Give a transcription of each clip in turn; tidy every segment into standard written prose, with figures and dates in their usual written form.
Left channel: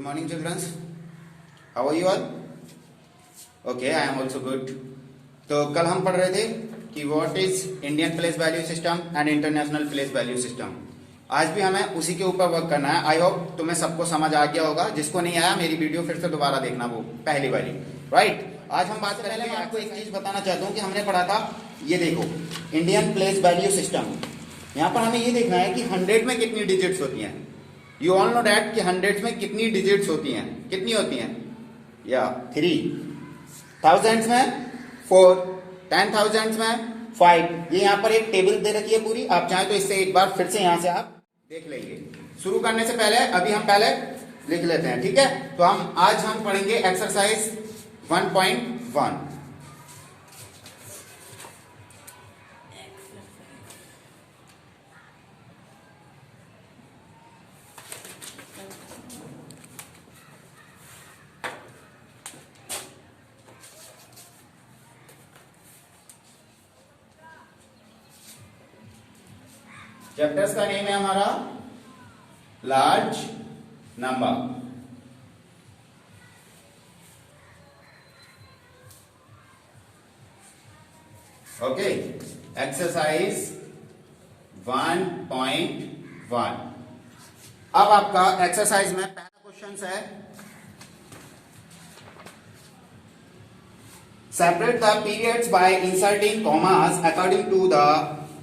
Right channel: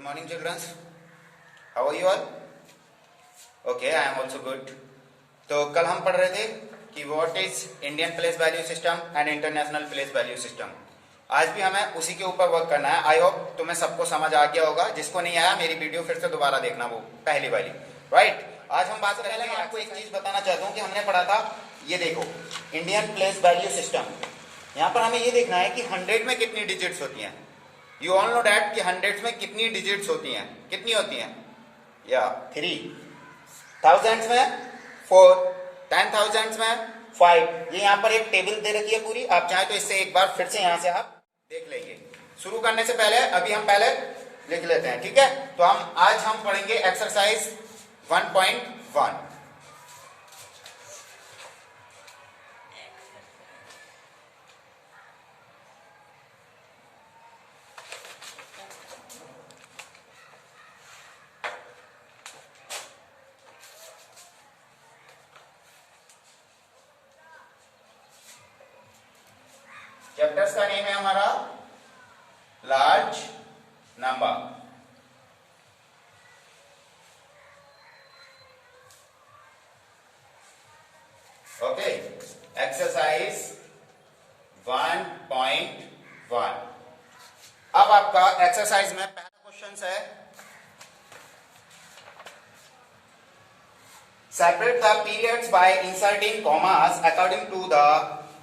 Good morning, children. How are you all? Okay, I am also good. तो कल हम पढ़ रहे थे कि what is Indian place value system and international place value system. आज भी हमें उसी के ऊपर वर्क करना है. आई होप तुम्हें सबको समझ आ गया होगा. जिसको नहीं आया मेरी वीडियो फिर से दोबारा देखना, वो पहली वाली. राइट. आज हम बात करेंगे. मैं आपको एक चीज बताना चाहता हूँ कि हमने पढ़ा था, ये देखो, इंडियन प्लेस वैल्यू सिस्टम. यहाँ पर हमें ये देखना है कि 100 में कितनी डिजिट्स होती हैं. यू ऑल नो डैट कि 100 में कितनी डिजिट्स होती हैं. कितनी होती हैं? या 3. थाउजेंड्स में 4. 10,000 में 5. ये यहाँ पर एक टेबल दे रखी है पूरी. आप चाहें तो इससे एक बार फिर से यहाँ से आप देख लेंगे. शुरू करने से पहले अभी हम पहले लिख लेते हैं, ठीक है. तो आज हम पढ़ेंगे एक्सरसाइज 1.1. चैप्टर्स का नेम है हमारा लार्ज नंबर. ओके. एक्सरसाइज 1.1. अब आपका एक्सरसाइज में पहला क्वेश्चन है, separate the periods by inserting commas according to the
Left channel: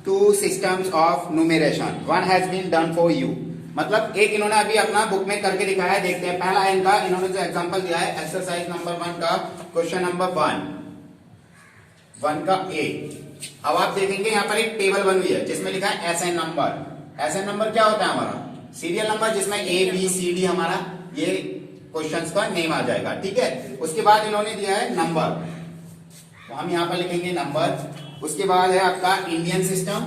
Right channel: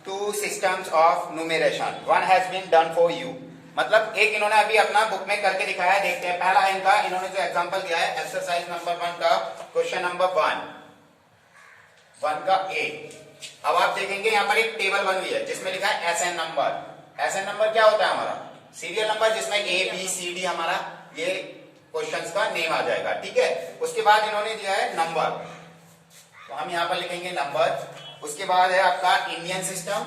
two systems of numeration. One has been done for you. मतलब एक इन्होंने अभी अपना बुक में करके दिखाया है. देखते हैं पहला इनका इन्होंने जो एग्जांपल दिया है एक्सरसाइज नंबर 1 का क्वेश्चन नंबर 1 का ए. अब आप देखेंगे यहाँ पर एक टेबल बनी हुई है जिसमें लिखा है एसएन नंबर. एसएन नंबर क्या होता है? हमारा सीरियल नंबर, जिसमें ए बी सी डी हमारा ये क्वेश्चंस का नेम आ जाएगा, ठीक है. उसके बाद इन्होंने दिया है नंबर, तो हम यहाँ पर लिखेंगे नंबर. उसके बाद है आपका इंडियन सिस्टम,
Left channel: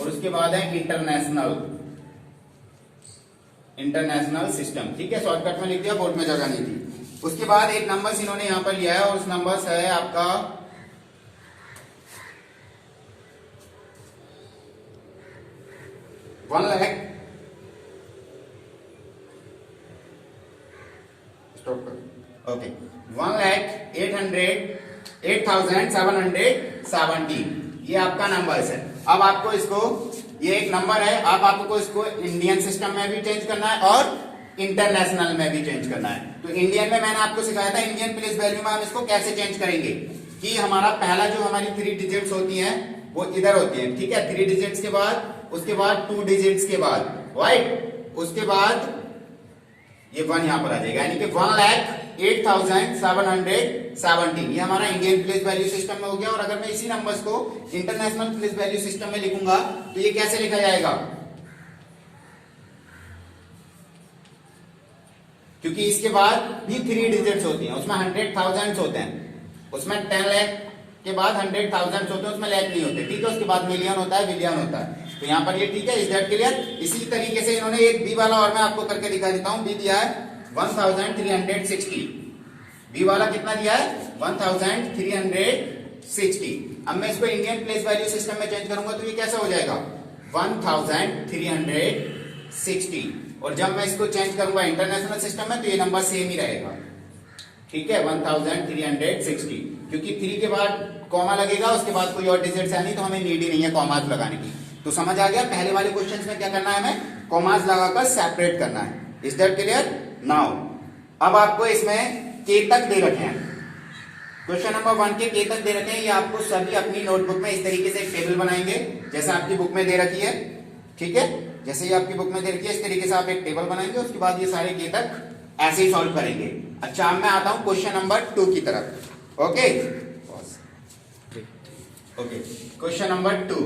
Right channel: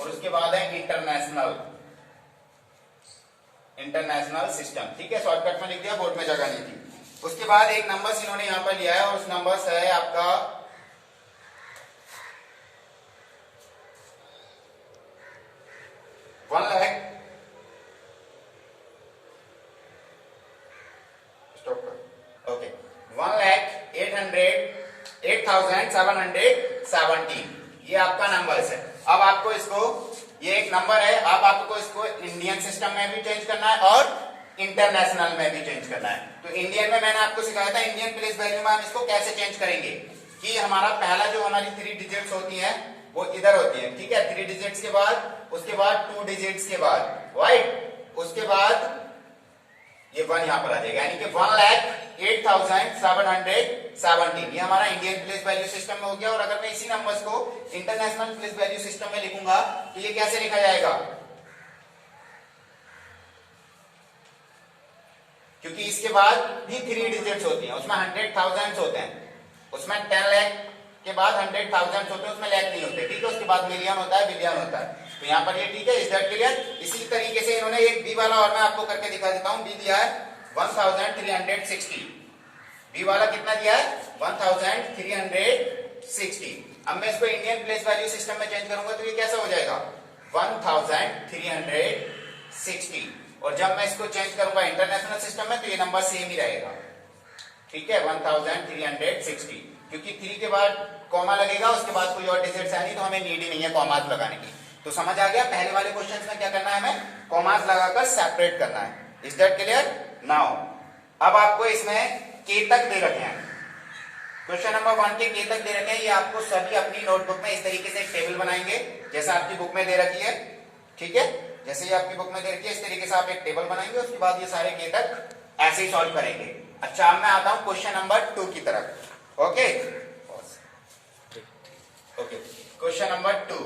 और उसके बाद है इंटरनेशनल सिस्टम, ठीक है. शॉर्टकट में लिख दिया, बोर्ड में जगह नहीं थी. उसके बाद एक नंबर इन्होंने यहां पर लिया है और उस नंबर से है आपका 1 लाख. ओके. 1,08,770 ये आपका नंबर है. अब आपको इसको, ये एक नंबर है, अब आपको इसको इंडियन सिस्टम में भी चेंज करना है और इंटरनेशनल में भी चेंज करना है. तो इंडियन में मैंने आपको सिखाया था इंडियन प्लेस वैल्यू में हम इसको कैसे चेंज करेंगे कि हमारा पहला जो हमारी 3 डिजिट्स होती हैं वो इधर होती हैं, ठीक है. 3 डिजिट्स के बाद, उसके बाद 2 डिजिट्स के बाद, राइट. उसके बाद ये 1 यहां पर आ जाएगा, यानी कि 1,08,770 ये हमारा इंडियन प्लेस वैल्यू सिस्टम में हो गया. और अगर मैं इसी नंबर्स को इंटरनेशनल प्लेस वैल्यू सिस्टम में लिखूंगा तो ये कैसे लिखा जाएगा? क्योंकि इसके बाद भी 3 डिजिट्स होती हैं, उसमें 100,000 होते हैं, उसमें 10 लाख के बाद 100,000 होते हैं, उसमें लाख नहीं होते, ठीक है. उसके बाद मिलियन होता है, बिलियन होता है. तो यहाँ पर ये ठीक है. Is that clear? इसी तरीके से इन्होंने एक बी वाला और मैं आपको करके दिखा देता हूं. बी दिया है 1,360. बी वाला कितना दिया है? 1,360. अब मैं इसको इंडियन प्लेस वैल्यू सिस्टम में चेंज करूंगा तो ये कैसा हो जाएगा? 1,360. और जब मैं इसको चेंज करूंगा इंटरनेशनल सिस्टम में तो ये नंबर सेम ही रहेगा, ठीक है. 1,360. क्योंकि 3 के बाद कॉमा लगेगा, उसके बाद कोई और डिजिट्स है नहीं, तो हमें नीड ही नहीं है कॉमास लगाने की. तो समझ आ गया? पहले वाले क्वेश्चन में क्या करना है, हमें कॉमास लगाकर सेपरेट करना है. Is that clear? नाउ अब आपको इसमें के तक दे रखे हैं. क्वेश्चन नंबर 1 के के तक दे रखे हैं. ये आपको सभी अपनी नोटबुक में इस तरीके से एक टेबल बनाएंगे जैसा आपकी बुक में दे रखी है, ठीक है. जैसे ये आपकी बुक में दे रखी है इस तरीके से आप एक टेबल बनाएंगे. उसके बाद ये सारे के तक ऐसे ही सॉल्व करेंगे. अच्छा, अब मैं आता हूं क्वेश्चन नंबर 2 की तरफ. Okay. Question number 2.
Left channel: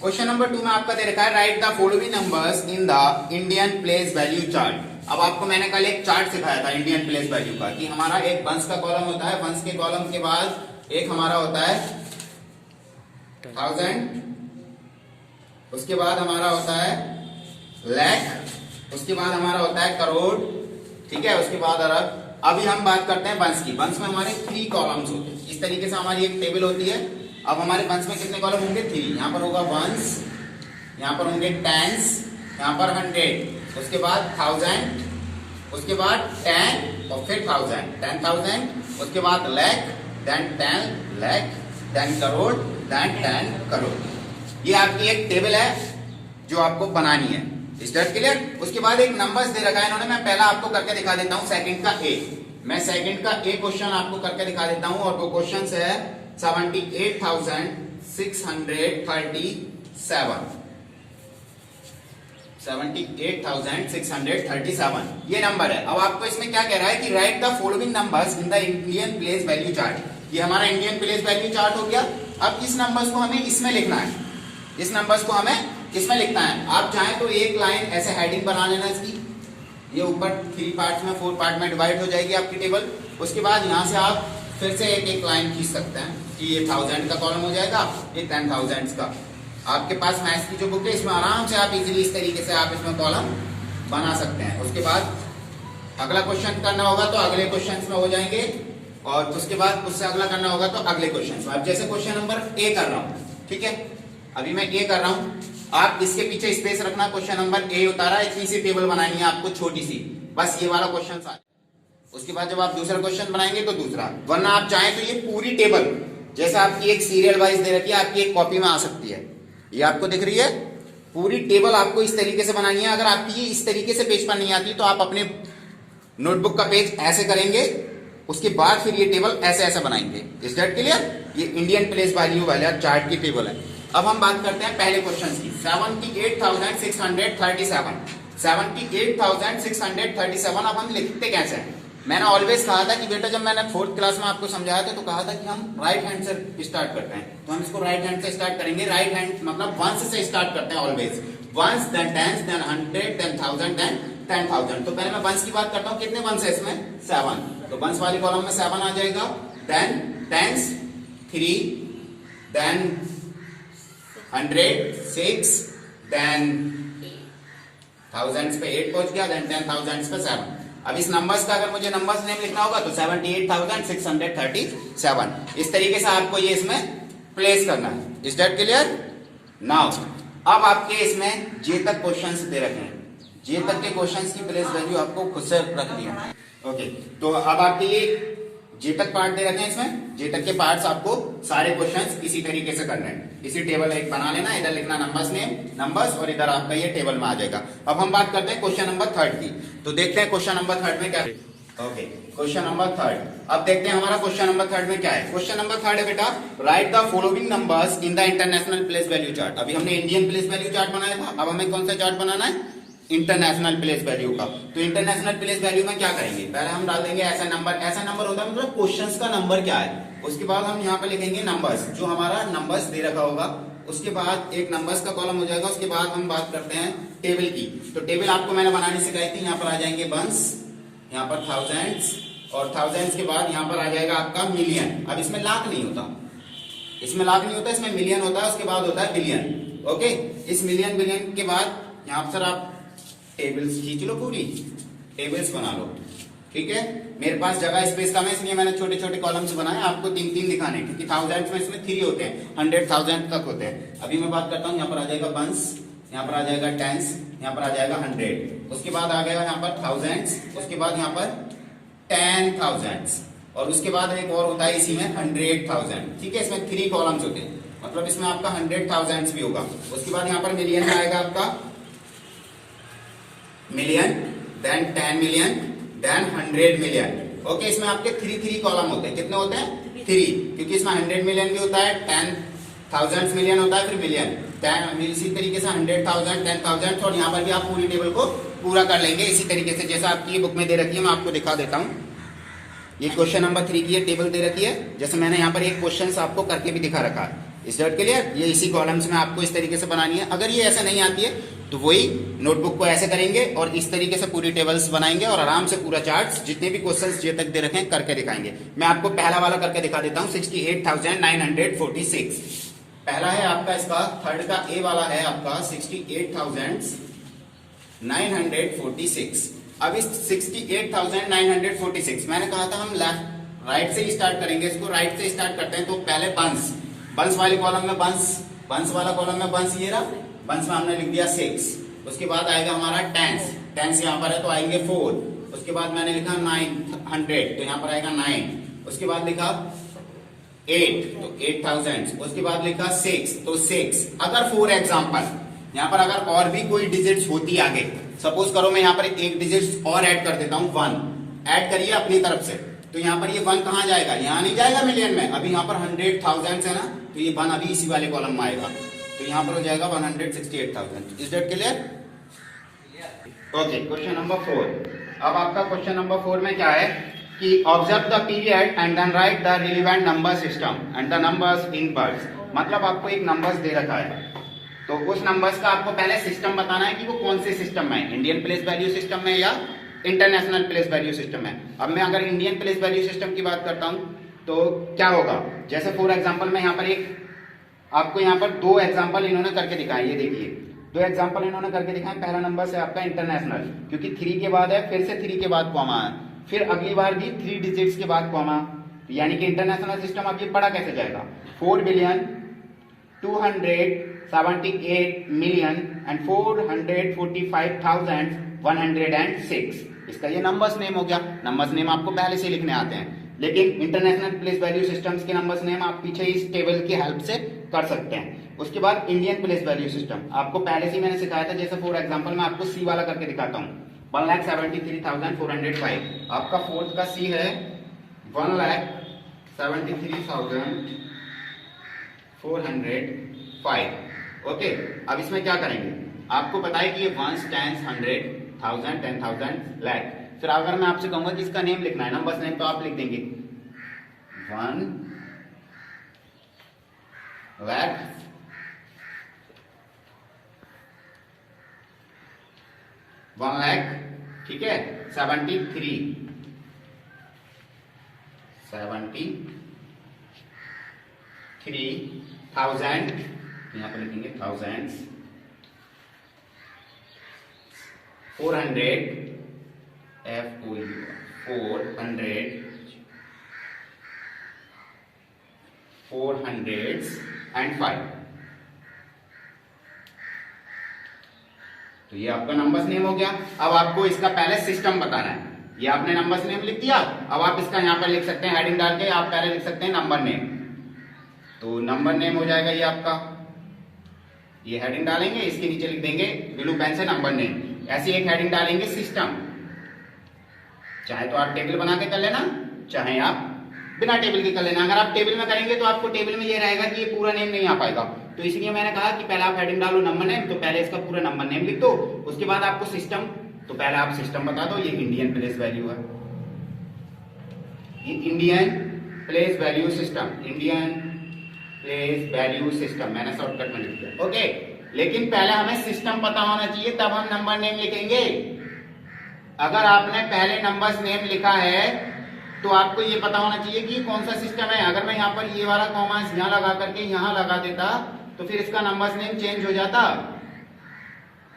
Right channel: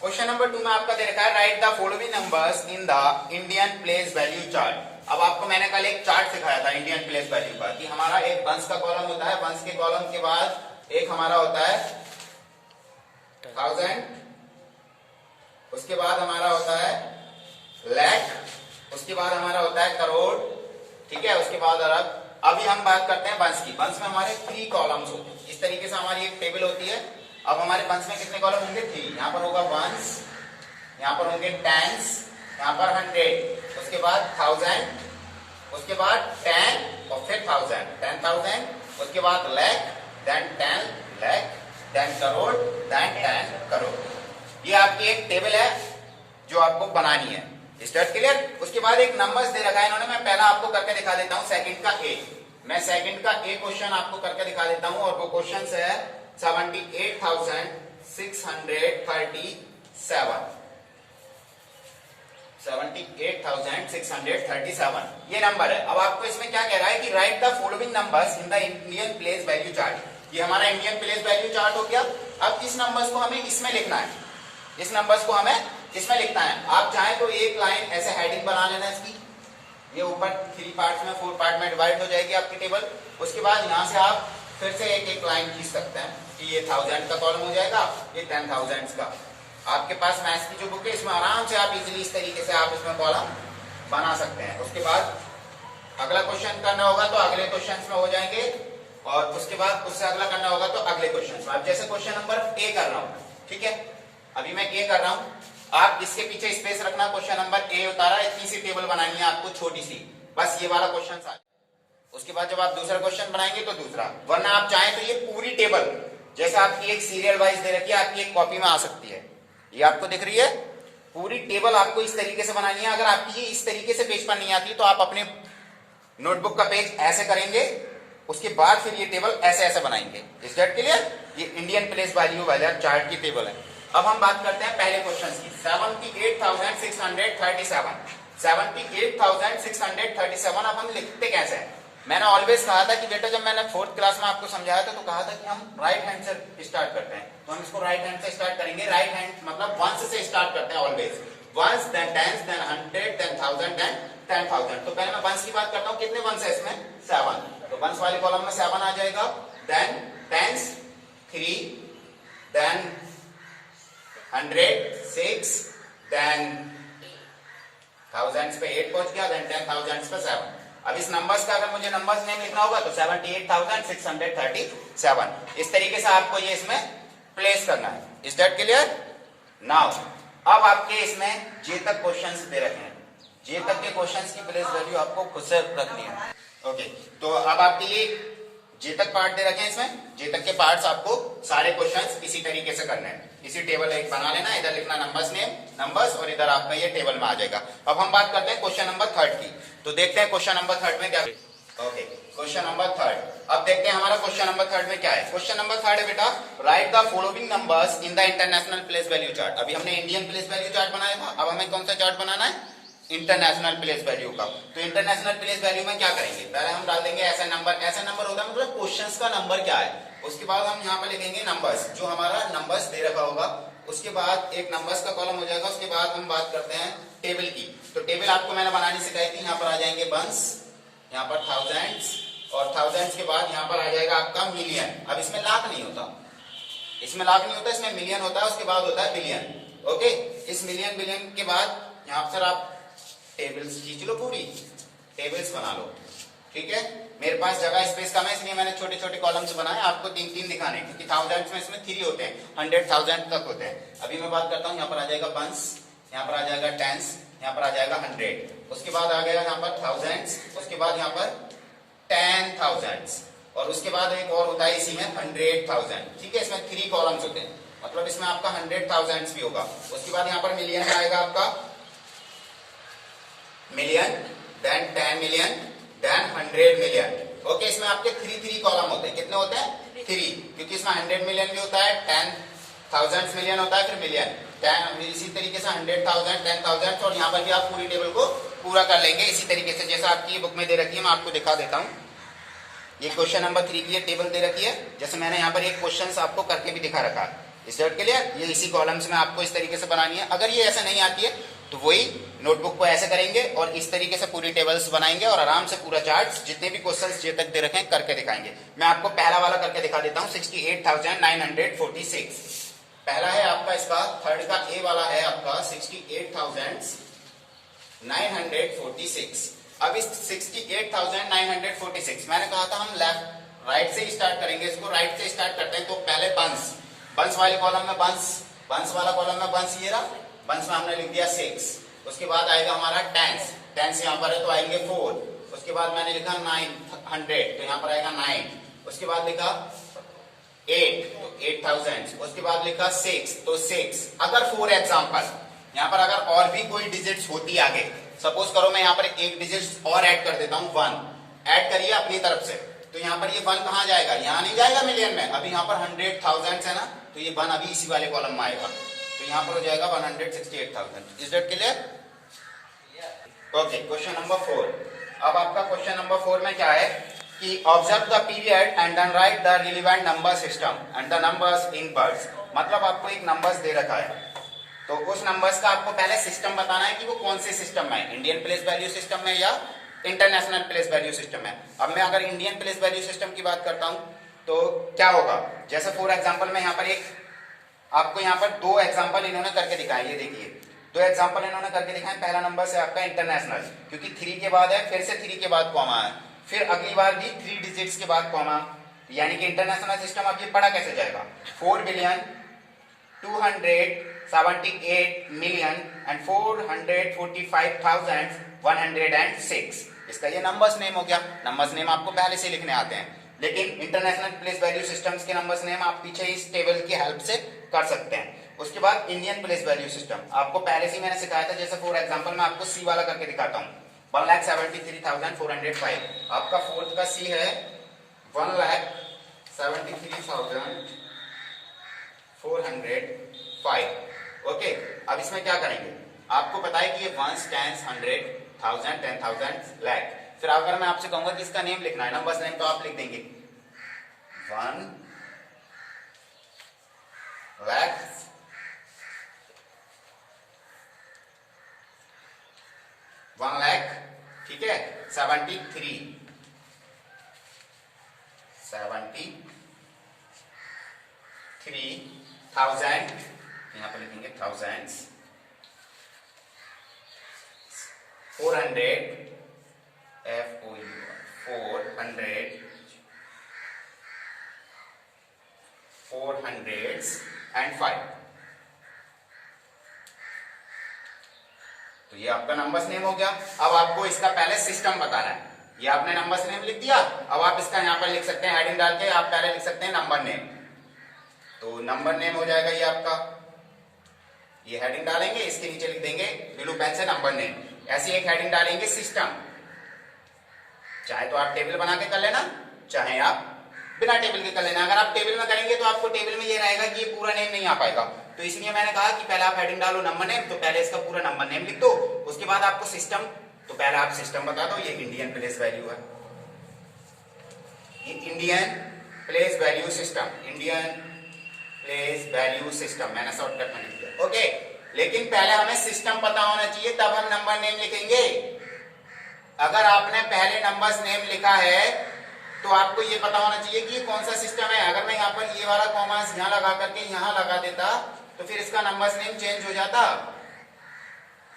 Question number 2 में आपका दे रखा है, right the following numbers in the Indian place value chart. अब आपको मैंने कल एक चार्ट सिखाया था इंडियन प्लेस वैल्यू का, कि हमारा एक वंश का कॉलम होता है, वंश के कॉलम के बाद एक हमारा होता है 1000, उसके बाद हमारा होता है लाख, उसके बाद हमारा होता है करोड़, ठीक है. उसके बाद अरब. अभी हम बात करते हैं वंश की. वंश में हमारे 3 कॉलम्स होते हैं. इस तरीके से हमारी एक टेबल होती है. अब हमारे वंश में कितने कॉलम होंगे? 3. यहाँ पर होगा वंश, यहाँ पर होंगे टेंस, यहाँ पर 100, उसके बाद 1000, उसके बाद 10 और फिर 1000, 10,000, उसके बाद lakh, then 10 lakh, then crore, then 10 crore. ये आपकी एक टेबल है जो आपको बनानी है। Is that clear? उसके बाद एक नंबर्स दे रखा है इन्होंने, मैं पहला आपको करके दिखा देता हूं सेकंड का ए। मैं सेकंड का ए क्वेश्चन आपको करके दिखा देता हूं और वो क्वेश्चन है 78,637। 78,637 ये नंबर है। अब आपको इसमें क्या कह रहा है कि right the following numbers in the Indian place value chart. ये हमारा इंडियन प्लेस वैल्यू चार्ट हो गया। अब इस नंबर्स को हमें इसमें लिखना है, इस नंबर्स को हमें इसमें लिखना है। आप चाहें तो एक लाइन ऐसे हेडिंग बना लेना इसकी, ये ऊपर 3 पार्ट में 4 पार्ट में डिवाइड हो जाएगी आपकी टेबल। उसके बाद यहां से आप फिर से एक एक लाइन खींच सकते हैं कि ये 1000 का कॉलम हो जाएगा, ये 10,000 का। आपके पास मैथ्स की जो बुक है इसमें आराम से आप इजीली इस तरीके से आप इसमें कॉलम बना सकते हैं। उसके बाद अगला क्वेश्चन करना होगा तो अगले क्वेश्चन में हो जाएंगे, और उसके बाद उससे अगला करना होगा तो अगले क्वेश्चन में। अब जैसे क्वेश्चन नंबर ए कर रहा हूं, ठीक है, अभी मैं ए कर रहा हूं, आप इसके पीछे स्पेस रखना। क्वेश्चन नंबर ए उतारा, इतनी सी टेबल बनानी है आपको छोटी सी, बस ये वाला क्वेश्चन था। उसके बाद जब आप दूसरा क्वेश्चन बनाएंगे तो दूसरा, वरना आप चाहें तो ये पूरी टेबल जैसा आपकी एक सीरियल वाइज दे रखी है आपकी एक कॉपी में आ सकती है। ये आपको दिख रही है, पूरी टेबल आपको इस तरीके से बनानी है। अगर आपकी ये इस तरीके से पेज पर नहीं आती तो आप अपने नोटबुक का पेज ऐसे करेंगे, उसके बाद फिर ये टेबल ऐसे ऐसे बनाएंगे। Is that clear? ये इंडियन प्लेस वैल्यू वाला चार्ट की टेबल है। अब हम बात करते हैं पहले क्वेश्चन की। 78,637, 78,637। अब हम लिखते कैसे हैं? मैंने ऑलवेज कहा था कि बेटा, जब मैंने 4th क्लास में आपको समझाया था तो कहा था कि हम राइट हैंड से स्टार्ट करते हैं, तो हम इसको राइट हैंड से स्टार्ट करेंगे। राइट हैंड मतलब वंस से स्टार्ट करते हैं always, ones then tens then 100 then 1000 then 10,000। तो पहले मैं वंस की बात करता हूँ, कितने वंस है इसमें? 7। तो वंस वाले कॉलम में 7 आ जाएगा, then tens 3, then 100 6, then thousands पे 8 पहुंच गया, देन 10,000 पे 7। अब इस नंबर्स का अगर मुझे नंबर्स नेम लिखना होगा तो 78,637 इस तरीके से आपको ये इसमें प्लेस करना है। Is that clear? नाउ अब आपके इसमें जे तक क्वेश्चंस दे रखे हैं, जे तक के क्वेश्चंस की प्लेस वैल्यू आपको खुद से रखनी है। ओके, तो अब आपके ये जे तक पार्ट दे रखे हैं, इसमें जे तक के पार्ट्स आपको सारे क्वेश्चंस इसी तरीके से करने हैं। इसी टेबल एक बना लेना, इधर लिखना नंबर्स नेम नंबर्स, और इधर आपका ये टेबल में आ जाएगा। अब हम बात करते हैं क्वेश्चन नंबर 3 की। तो देखते हैं क्वेश्चन नंबर 3 में क्या। Okay, question number 3। अब देखते हैं हमारा क्वेश्चन नंबर 3 में क्या है। क्वेश्चन नंबर 3 है बेटा, right the following numbers in the international place value chart. अभी हमने इंडियन प्लेस वैल्यू चार्ट बनाया था, अब हमें कौन सा चार्ट बनाना है? इंटरनेशनल प्लेस वैल्यू का। तो इंटरनेशनल प्लेस वैल्यू में क्या करेंगे? पहले हम डाल देंगे ऐसा नंबर। ऐसा नंबर होता है मतलब क्वेश्चंस का नंबर क्या है। उसके बाद हम यहाँ पे लिखेंगे नंबर्स, जो हमारा नंबर्स दे रखा होगा। उसके बाद एक नंबर्स का कॉलम हो जाएगा। उसके बाद हम बात करते हैं टेबल की। तो टेबल आपको मैंने बनानी सिखाई थी। यहाँ पर आ जाएंगे वंस, यहाँ पर थाउजेंड्स, और थाउजेंड्स के बाद यहाँ पर आ जाएगा आपका मिलियन। अब इसमें लाख नहीं होता, इसमें लाख नहीं होता, इसमें मिलियन होता है। उसके बाद होता है बिलियन। ओके, इस मिलियन बिलियन के बाद यहाँ पर आप टेबल्स खींच लो, पूरी टेबल्स बना लो। ठीक है, मेरे पास जगह स्पेस कम है इसलिए मैंने छोटे छोटे कॉलम्स बनाए आपको 3-3 दिखाने, क्योंकि थाउजेंड्स में इसमें 3 होते हैं, 100,000 तक होते हैं। अभी मैं बात करता हूँ, यहाँ पर आ जाएगा वंस, यहाँ पर आ जाएगा टेंस, यहाँ पर आ जाएगा 100, उसके बाद आ गया यहाँ पर थाउजेंड्स, उसके बाद यहाँ पर 10,000, और उसके बाद एक और होता है इसी में 100,000। ठीक है, इसमें 3 कॉलम्स होते हैं, मतलब इसमें आपका 100,000 भी होगा। उसके बाद यहाँ पर मिलियन में आएगा आपका million, then 10 million, then 100 million. Okay, इसमें आपके 3 कॉलम होते हैं। कितने होते हैं? 3, क्योंकि इसमें 100 मिलियन भी होता है, 10,000 मिलियन होता है, फिर मिलियन, इसी तरीके से 100,000, 10,000, और यहाँ पर भी आप पूरी टेबल को पूरा कर लेंगे इसी तरीके से जैसा आपकी ये बुक में दे रखी है। मैं आपको दिखा देता हूँ, ये क्वेश्चन नंबर 3 की ये टेबल दे रखी है। जैसे मैंने यहाँ पर एक क्वेश्चन आपको करके भी दिखा रखा है। इस वर्ड के लिए ये इसी कॉलम्स में आपको इस तरीके से बनानी है। अगर ये ऐसे नहीं आती है तो वही नोटबुक को ऐसे करेंगे और इस तरीके से पूरी टेबल्स बनाएंगे और आराम से पूरा चार्ट जितने भी क्वेश्चंस जे तक दे रखे हैं करके दिखाएंगे। मैं आपको पहला वाला करके दिखा देता हूँ, 68,946। पहला है आपका, इसका थर्ड का ए वाला है आपका 68,946। अब इस 68,946 मैंने कहा था हम लेफ्ट राइट से ही स्टार्ट करेंगे, इसको राइट से स्टार्ट करते हैं। तो पहले बंस वाले कॉलम में बंस वाला कॉलम में बंस, ये रहा वंस में हमने लिख दिया 6, उसके बाद आएगा हमारा टेंस, टेंस यहाँ पर है तो आएंगे 4, उसके बाद मैंने लिखा 900 तो यहाँ पर आएगा 9, उसके बाद लिखा 8 तो 8000, उसके बाद लिखा 6 तो 6। अगर फॉर एग्जाम्पल यहाँ पर अगर और भी कोई डिजिट्स होती आगे, सपोज करो मैं यहाँ पर एक डिजिट और ऐड कर देता हूँ 1, ऐड करिए अपनी तरफ से, तो यहाँ पर ये 1 कहाँ जाएगा, यहाँ नहीं जाएगा मिलियन में, अभी यहाँ पर 100,000 है ना, तो ये 1 अभी इसी वाले कॉलम में आएगा, तो यहाँ पर हो जाएगा 168,000। Is that clear? Okay, question number 4। अब आपका क्वेश्चन नंबर 4 में क्या है कि observe the period and then write the relevant number system and the numbers in words. मतलब आपको एक नंबर्स दे रखा है, तो उस नंबर्स का आपको पहले सिस्टम बताना है कि वो कौन से सिस्टम में है, इंडियन प्लेस वैल्यू सिस्टम में या इंटरनेशनल प्लेस वैल्यू सिस्टम में। अब मैं अगर इंडियन प्लेस वैल्यू सिस्टम की बात करता हूं तो क्या होगा, जैसे फॉर एग्जांपल मैं यहाँ पर एक आपको यहाँ पर 2 एग्जांपल इन्होंने करके दिखाए, ये देखिए 2 एग्जांपल इन्होंने करके दिखाए। पहला नंबर से आपका इंटरनेशनल, क्योंकि 3 के बाद है, फिर से 3 के बाद कॉमा है, फिर अगली बार भी 3 डिजिट्स के बाद कॉमा, यानी कि इंटरनेशनल सिस्टम अब ये पढ़ा कैसे जाएगा, 4,278,445,106। इसका ये नंबर्स नेम हो गया। नंबर्स नेम आपको पहले से लिखने आते हैं, लेकिन इंटरनेशनल प्लेस वैल्यू सिस्टम्स के नंबर्स नेम आप पीछे इस टेबल की हेल्प से कर सकते हैं। उसके बाद इंडियन प्लेस वैल्यू सिस्टम आपको पहले से मैंने सिखाया था, जैसे फॉर एग्जांपल मैं आपको सी वाला करके दिखाता हूँ, 1,73,405। आपका फोर्थ का सी है 1,73,405। ओके, अब इसमें क्या करेंगे, आपको पता है कि ये 1, 10, 100, 1000, 10,000, लाख। फिर अगर मैं आपसे कहूंगा कि इसका नेम लिखना है, नंबर्स नेम, तो आप लिख देंगे 1 लाख 1 लाख, ठीक है, 73,000, यहां पर लिखेंगे थाउजेंड्स, 400 400s and 5। तो ये आपका नंबर्स नेम हो गया। अब आपको इसका पहले सिस्टम बताना है। ये आपने नंबर्स नेम लिख दिया, अब आप इसका यहां पर लिख सकते हैं हेडिंग डाल के, आप पहले लिख सकते हैं नंबर नेम। तो नंबर नेम हो जाएगा ये आपका, ये हेडिंग डालेंगे, इसके नीचे लिख देंगे ब्लू पेन से नंबर नेम। ऐसी एक हेडिंग डालेंगे सिस्टम, चाहे तो आप टेबल बना के कर लेना, चाहे आप बिना टेबल के कर लेना। अगर आप टेबल में करेंगे तो आपको टेबल में ये रहेगा कि ये पूरा नेम नहीं आ पाएगा, तो इसलिए मैंने कहा कि पहले आप हेडिंग डालो नंबर नेम, तो पहले इसका पूरा नंबर नेम लिख दो, उसके बाद आपको सिस्टम, तो पहले आप सिस्टम बता दो, ये इंडियन प्लेस वैल्यू है, ये Indian place value system, Indian place value system मैंने शॉर्टकट में लिख दिया। ओके, लेकिन पहले हमें सिस्टम पता होना चाहिए, तब हम नंबर नेम लिखेंगे। अगर आपने पहले नंबर्स नेम लिखा है तो आपको ये पता होना चाहिए कि ये कौन सा सिस्टम है। अगर मैं यहाँ पर ये वाला कॉमा यहाँ लगा करके यहाँ लगा देता तो फिर इसका नंबर्स नेम चेंज हो जाता,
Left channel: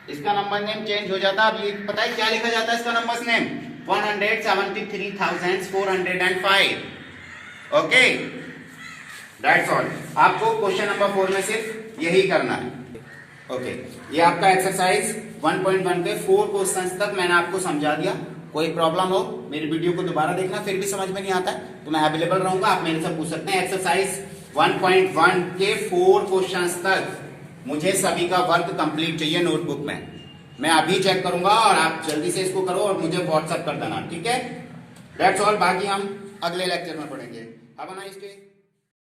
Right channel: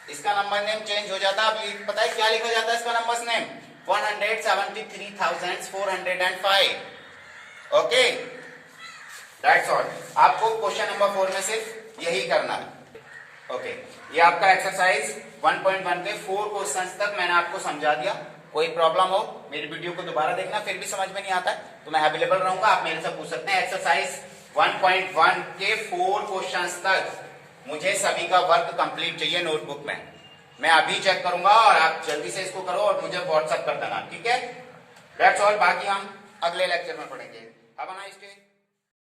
इसका नंबर नेम चेंज हो जाता। अब ये पता है क्या लिखा जाता है इसका numbers name, 173,405। Okay, that's all. आपको क्वेश्चन नंबर 4 में सिर्फ यही करना है। ओके, ये आपका एक्सरसाइज 1.1 के 4 क्वेश्चंस तक मैंने आपको समझा दिया। कोई प्रॉब्लम हो मेरी वीडियो को दोबारा देखना, फिर भी समझ में नहीं आता है तो मैं अवेलेबल रहूंगा, आप मेरे से पूछ सकते हैं। एक्सरसाइज 1.1 के 4 क्वेश्चंस तक मुझे सभी का वर्क कंप्लीट चाहिए नोटबुक में। मैं अभी चेक करूंगा और आप जल्दी से इसको करो और मुझे व्हाट्सएप कर देना, ठीक है। दैट्स ऑल, बाकी हम अगले लेक्चर में पढ़ेंगे। Have a nice day.